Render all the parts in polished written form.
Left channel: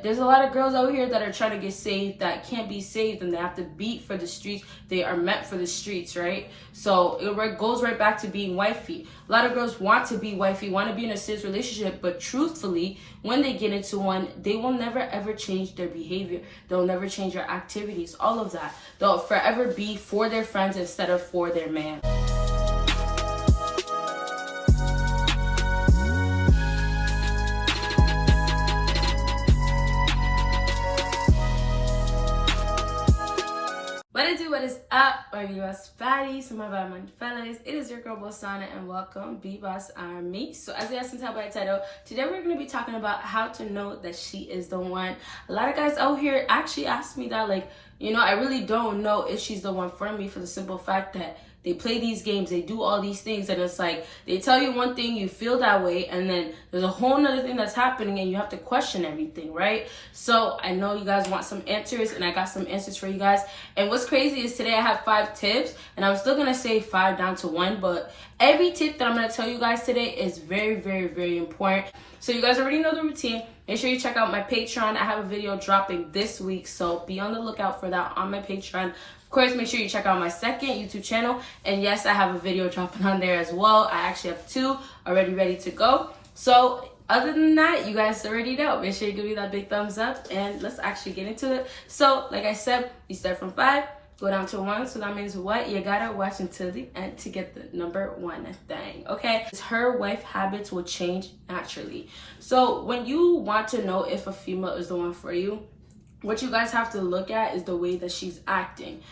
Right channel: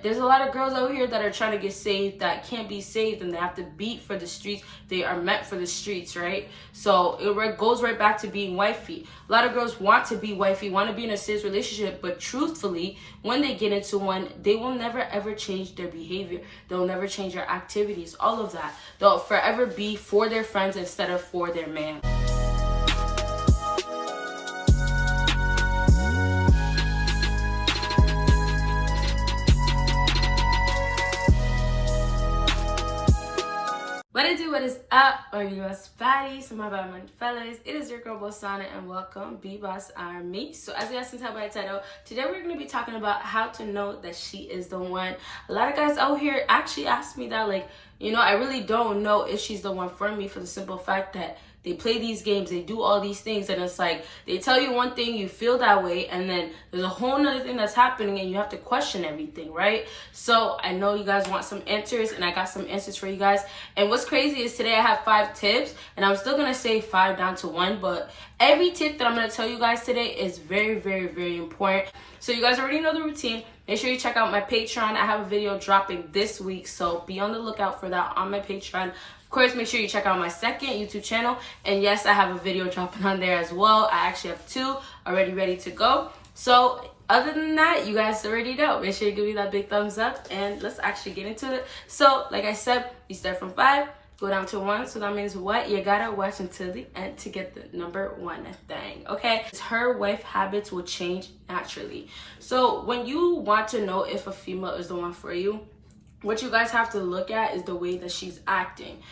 There's a lot of girls out here that are trying to get saved that can't be saved, and they have to beat for the streets. They are meant for the streets, right? So it goes right back to being wifey. A lot of girls want to be wifey, want to be in a serious relationship, but truthfully, when they get into one, they will never ever change their behavior. They'll never change their activities, all of that. They'll forever be for their friends instead of for their man. What is up, BBossBaddie? So my bad, my fellas. It is your girl Bosana, and welcome BBossArmy. So as you guys can tell by the title, today we're going to be talking about how to know that she is the one. A lot of guys out here actually ask me that, like, you know, I really don't know if she's the one for me, for the simple fact that they play these games, they do all these things, and it's like they tell you one thing, you feel that way, and then there's a whole nother thing that's happening and you have to question everything, right? So I know you guys want some answers, and I got some answers for you guys. And what's crazy is today I have 5 tips, and I'm still gonna say 5 down to 1, but every tip that I'm gonna tell you guys today is very, very, very important. So you guys already know the routine. Make sure you check out my Patreon. I have a video dropping this week, so be on the lookout for that on my Patreon. Of course, make sure you check out my second YouTube channel. And yes, I have a video dropping on there as well. I actually have 2 already ready to go. So other than that, you guys already know. Make sure you give me that big thumbs up, and let's actually get into it. So like I said, you start from 5, go down to 1. So that means what? You gotta watch until the end to get the number 1 thing, okay? Her wife habits will change naturally. So when you want to know if a female is the one for you, what you guys have to look at is the way that she's acting.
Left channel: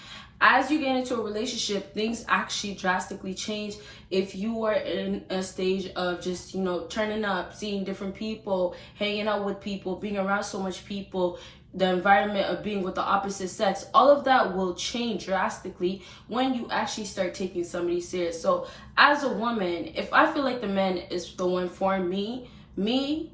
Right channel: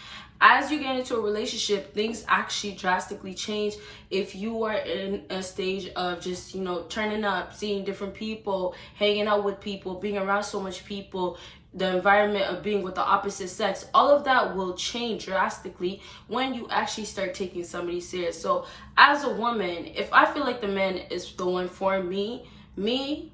As you get into a relationship, things actually drastically change. If you are in a stage of just, you know, turning up, seeing different people, hanging out with people, being around so much people, the environment of being with the opposite sex, all of that will change drastically when you actually start taking somebody serious. So as a woman, if I feel like the man is the one for me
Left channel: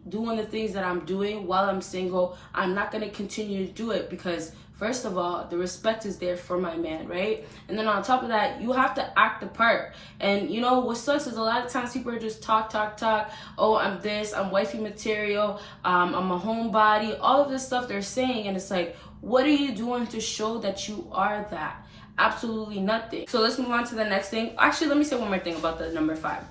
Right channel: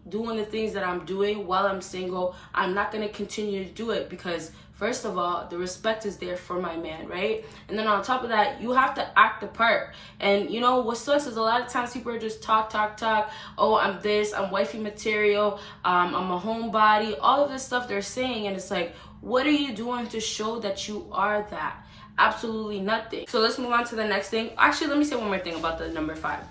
doing the things that I'm doing while I'm single, I'm not going to continue to do it, because first of all, the respect is there for my man, right? And then on top of that, you have to act the part. And you know what sucks is a lot of times people are just talk. Oh, I'm this, I'm wifey material, I'm a homebody, all of this stuff they're saying, and it's like, what are you doing to show that you are that? Absolutely nothing. So let's move on to the next thing. Actually, let me say one more thing about the number 5.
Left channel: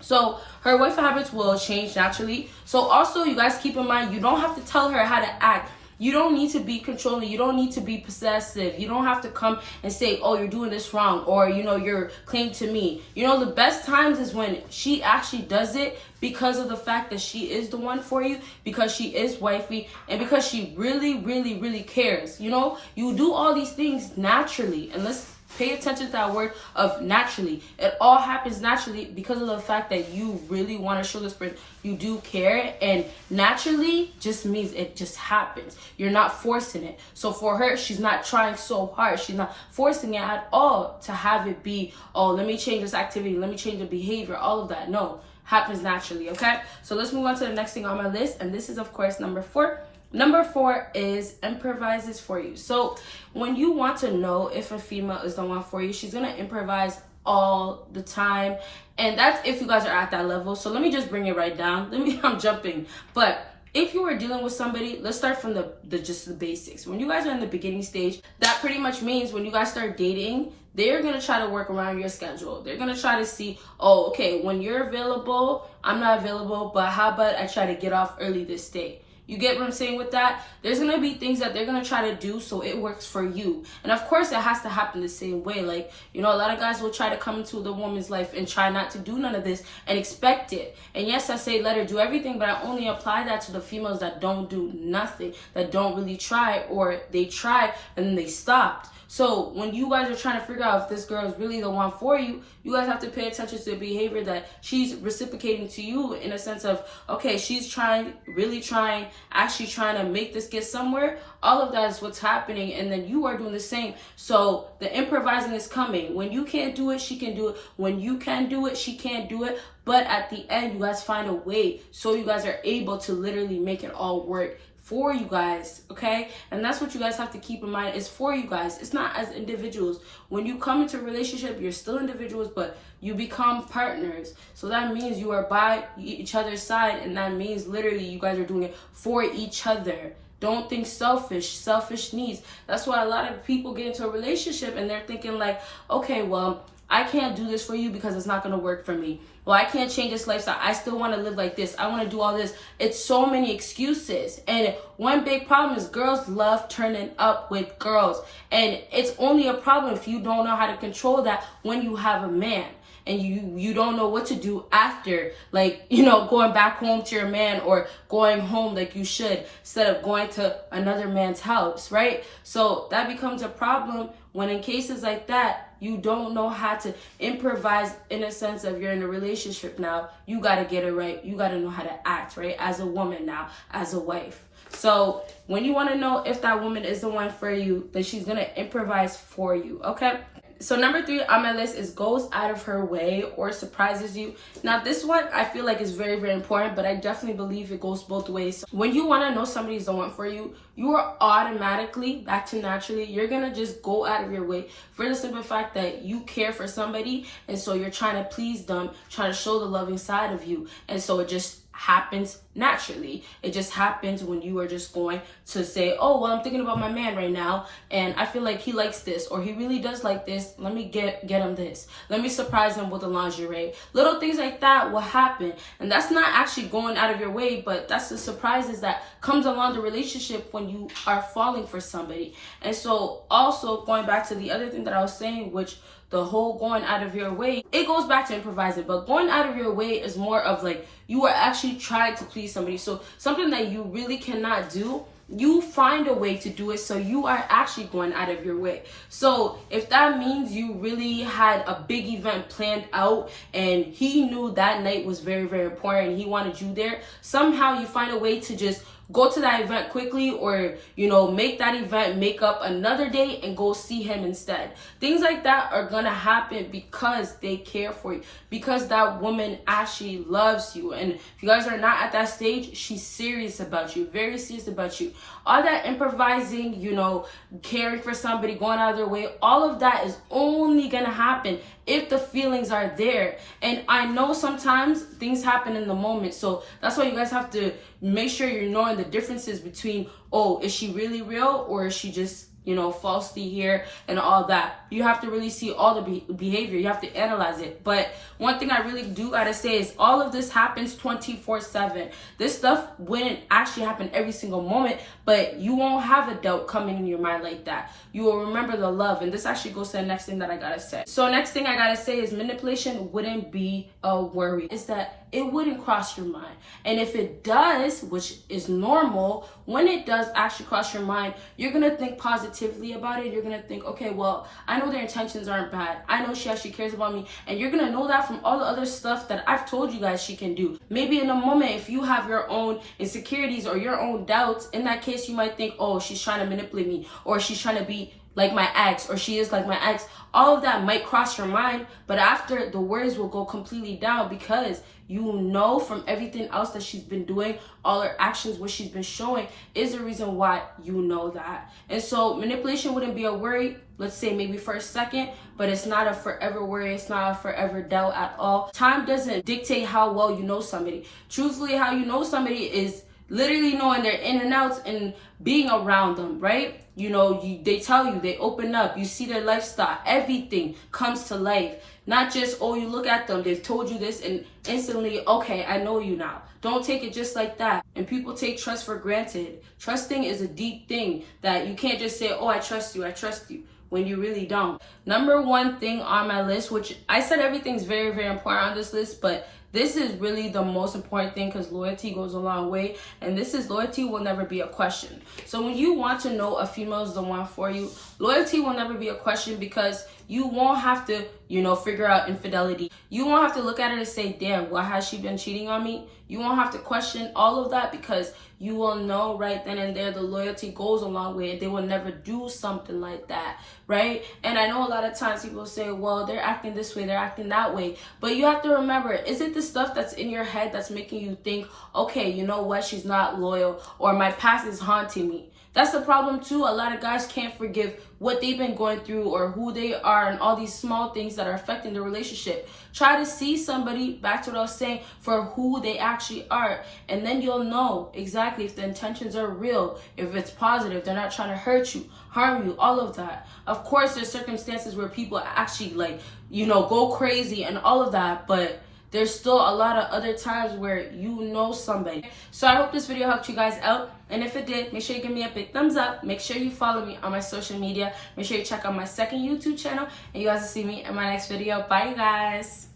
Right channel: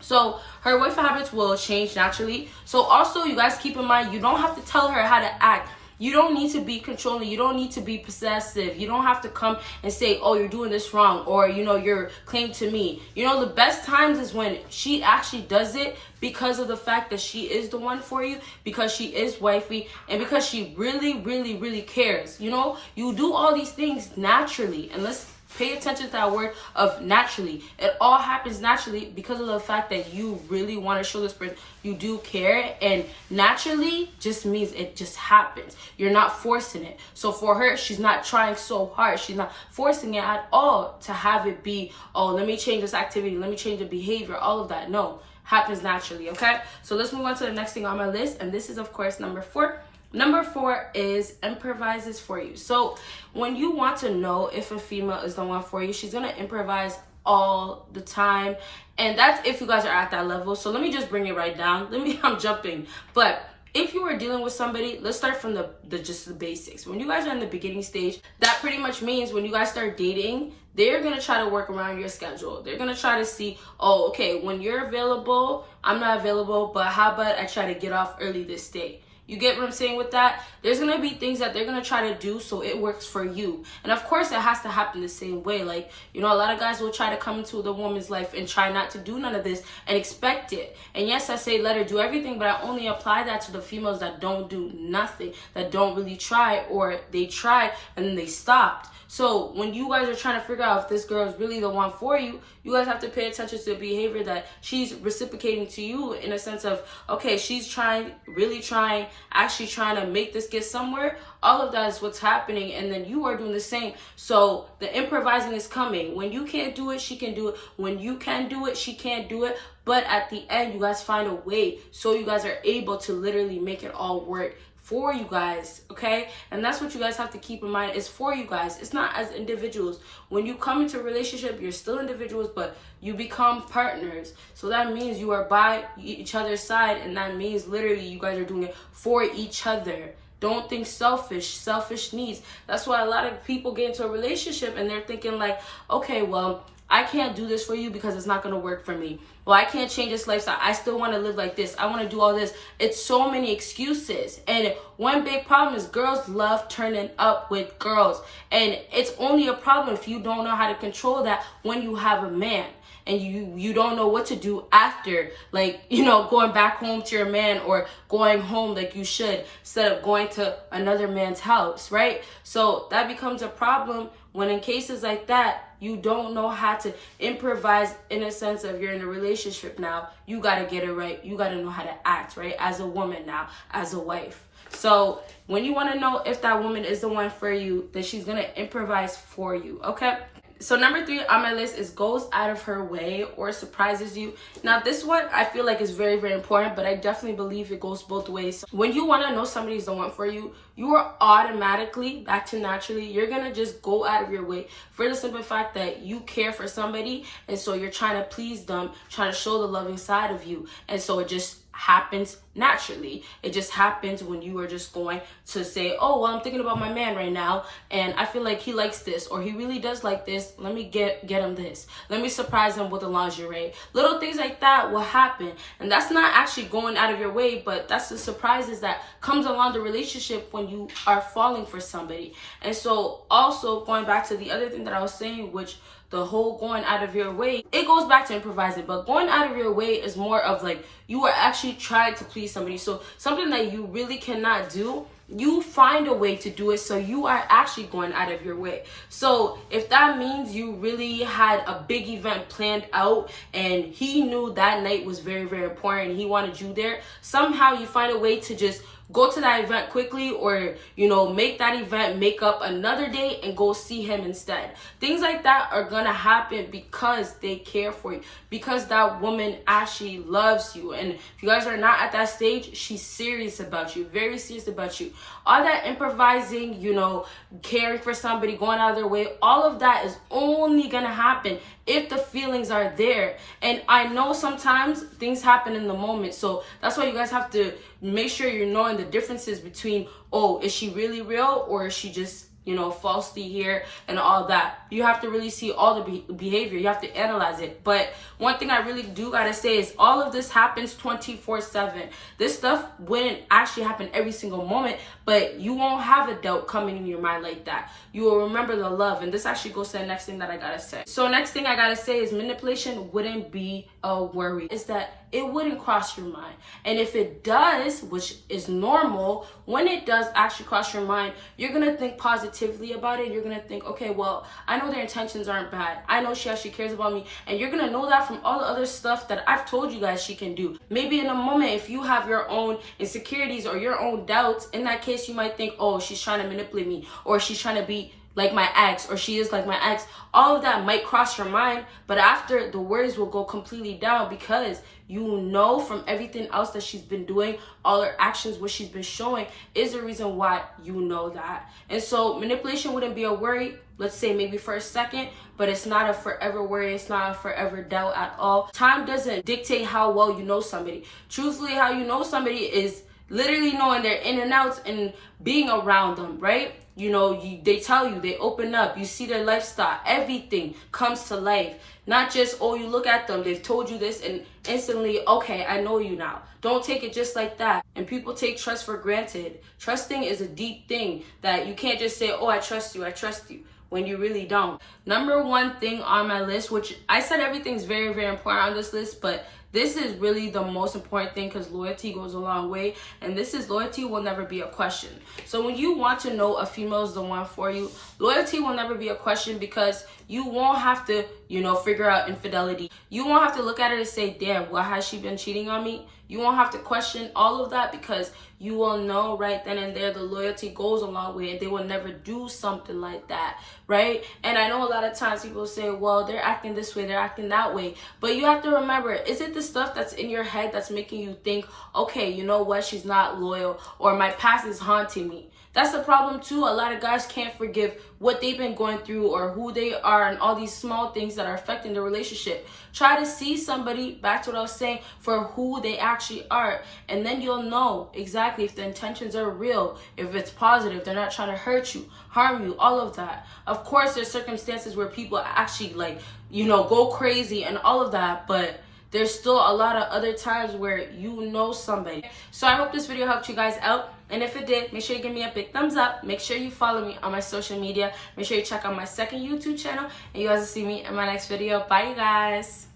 So her wife habits will change naturally. So also, you guys keep in mind, you don't have to tell her how to act. You don't need to be controlling. You don't need to be possessive. You don't have to come and say, oh, you're doing this wrong, or, you know, you're claim to me. You know, the best times is when she actually does it because of the fact that she is the one for you, because she is wifey, and because she really, really, really cares. You know, you do all these things naturally, and let's pay attention to that word of naturally. It all happens naturally because of the fact that you really want to show this person you do care, and naturally just means it just happens. You're not forcing it. So for her, she's not trying so hard. She's not forcing it at all to have it be, oh, let me change this activity, let me change the behavior, all of that. No, happens naturally, okay? So let's move on to the next thing on my list, and this is, of course, number 4. Number 4 is improvises for you. So when you want to know if a female is the one for you, she's gonna improvise all the time, and that's if you guys are at that level. So let me just bring it right down. I'm jumping, but if you are dealing with somebody, let's start from just the basics. When you guys are in the beginning stage, that pretty much means when you guys start dating, they're gonna try to work around your schedule. They're gonna try to see, oh, okay, when you're available, I'm not available, but how about I try to get off early this day? You get what I'm saying with that? There's going to be things that they're going to try to do so it works for you. And of course, it has to happen the same way. Like, you know, a lot of guys will try to come into the woman's life and try not to do none of this and expect it. And yes, I say let her do everything, but I only apply that to the females that don't do nothing, that don't really try, or they try and then they stopped. So when you guys are trying to figure out if this girl is really the one for you, you guys have to pay attention to the behavior that she's reciprocating to you, in a sense of, okay, she's trying, really trying, actually trying to make this get somewhere. All of that is what's happening, and then you are doing the same. So the improvising is coming. When you can't do it, she can do it. When you can do it, she can't do it. But at the end, you guys find a way so you guys are able to literally make it all work for you guys, okay? And that's what you guys have to keep in mind. It's for you guys. It's not as individuals. When you come into a relationship, you're still individuals, but you become partners. So that means you are by each other's side, and that means literally you guys are doing it for each other. Don't think selfish needs. That's why a lot of people get into a relationship and they're thinking like, okay, well, I can't do this for you because it's not going to work for me. Well, I can't change this lifestyle. I still want to live like this. I want to do all this. It's so many excuses. And one big problem is girls love turning up with girls. And it's only a problem if you don't know how to control that when you have a man. And you don't know what to do after, like, you know, going back home to your man or going home like you should instead of going to another man's house, right? So that becomes a problem when in cases like that, you don't know how to improvise in a sense of you're in a relationship now. You got to get it right. You got to know how to act, right? As a woman now, as a wife. So when you want to know if that woman is the one for you, then she's going to improvise for you, okay? So number 3 on my list is goes out of her way or surprises you. Now this one I feel like is very, very important, but I definitely believe it goes both ways. When you want to know somebody's the one for you, you are automatically, back to naturally, you're going to just go out of your way for the simple fact that you care for somebody. And so you're trying to please them, trying to show the loving side of you. And so it just happens naturally. It just happens when you are just going to say, oh, well, I'm thinking about my man right now and I feel like he likes this or he really does like this. Let me get him this. Let me surprise him with a lingerie. Little things like that will happen. And that's not actually going out of your way, but that's the surprises that comes along the relationship when you are falling for somebody. And so also going back to the other thing that I was saying, which the whole going out of your way, it goes back to improvising, but going out of your way is more of like you are actually trying to please somebody. So something that you really cannot do, you find a way to do it, so you are actually going out of your way. So if that means you really had a big event planned out and he knew that night was very, very important and he wanted you there, somehow you find a way to just go to that event quickly, or, you know, make that event make up another day and go see him instead. Things like that are gonna happen because they care for you, because that woman actually loves you. And if you guys are not at that stage, she's serious about you, very serious about you. All that improvising, you know, caring for somebody, going out of their way, all of that is only gonna happen if the feelings are there. And I know sometimes things happen in the moment, so that's why you guys have to make sure you're knowing the differences between, oh, is she really real or is she just, you know, falsely here and all that. You have to really see all the behavior. You have to analyze it. But one thing I really do gotta say is all of this happens 24/7. This stuff wouldn't actually happen every single moment, but you won't have a doubt coming in your mind like that. You will remember the love. And this actually goes to the next thing that I gotta say. So next thing I gotta say is manipulation wouldn't be a worry. Is that it wouldn't cross your mind. And if it does, which is normal, when it does actually cross your mind, you're gonna think positively about it. You're gonna think, okay, well, I know their intentions aren't bad. I know she actually cares about me. And you're gonna know that from all the other stuff that I've told you guys she can do. Maybe in a moment, if you have your own insecurities or your own doubts, in that case, you might think, oh, she's trying to manipulate me, or she's trying to be like my ex, or she is like my ex. All of that might cross your mind, but after, the words will go completely down, because you know from everything else that she's been doing, all her actions, what she's been showing is the reason why you know that. And so manipulation wouldn't be a worry, let's say maybe for a second, but it's not a forever worry. It's not a forever doubt at all. Time doesn't dictate how well you know somebody. Truthfully, how you know somebody is literally knowing their in and outs and being around them, right? You know, they tell you, they open up, you see their lifestyle, everything comes to life. Not just, oh, you look at them, they've told you this, and instantly, okay, I know you now. Don't take it just like that. And people take trust for granted. Trusting is a deep thing that you can't just say, oh, I trust you, when you really don't. Number one thing on my list, which I said everything's very, very important on this list, but this is really the most important thing, because loyalty goes a long way. And this is, loyalty will never be a question. So when you want to know a female is the one for you, loyalty will never be a question, because you won't have to, you know, figure out infidelity. You won't have to look at it and say, damn, why has she been cheating on me? You won't have to question all of that, because you will know right then and there the loyalty goes a long way, and they will never do something like that, right? And I know a lot of times people say, well, they're acting this way, they're acting that way. But you have to remember, is it the stuff that's in your head that's making you think, okay, you know what, she's not loyal, or my past is haunting me? That's the problem too. A lot of guys can't forgive what they've been going through or who they are and all these small things that are affecting the relationship. Try to see somebody, back to what I was saying, for who they actually are. And then you'll know exactly if the intentions are real, if it's positive, they're not trying to hurt you, harm you, all of that. Of course, there's circumstances where people actually go crazy and all of that, but there's still a lot of other times where you know somebody. So I hope this video helped you guys out. And if it did, make sure you give me a big thumbs up. Make sure you follow me on my social media. Make sure you check out my second YouTube channel. And you guys will see me in my next video. Bye, you guys.